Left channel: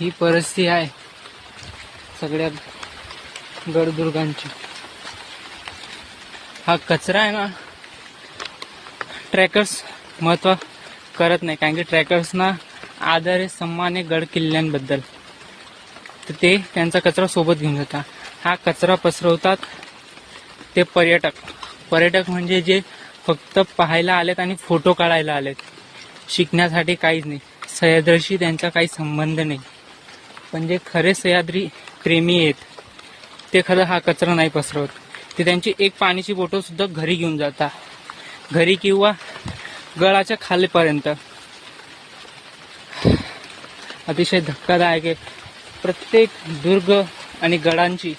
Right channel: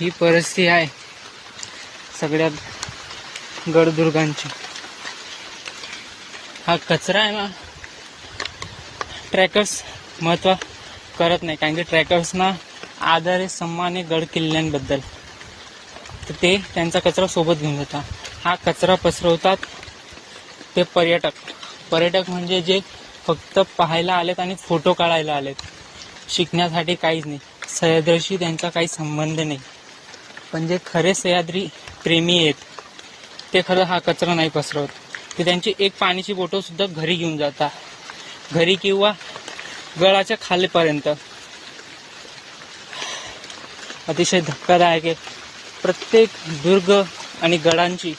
ही परिस्थिती आहे सगळ्यात गडदुर्गांची. हा कचरा आहे ना, ट्रॅकर्स महत्त्व करत नाही, कारण की ट्रॅकर्सना आदर आहे, सन्मान आहे गड किल्ल्यांबद्दल, तर ते त्यांचा कचरा सोबत घेऊन जातात. हा कचरा पसरवतात ते पर्यटक म्हणजे जे फक्त पाहायला आलेत आणि फोटो काढायला आलेत, शिकण्यासाठी काहीच नाही. सह्याद्रीशी त्यांचा काही संबंध नाही. पण जे खरे सह्याद्री प्रेमी आहेत ते खरं हा कचरा नाही पसरवत. ते त्यांची एक पाण्याची बॉटल सुद्धा घरी घेऊन जातात, घरी किंवा गडाच्या खालीपर्यंत. अतिशय धक्कादायक आहे. प्रत्येक दुर्ग आणि गडांची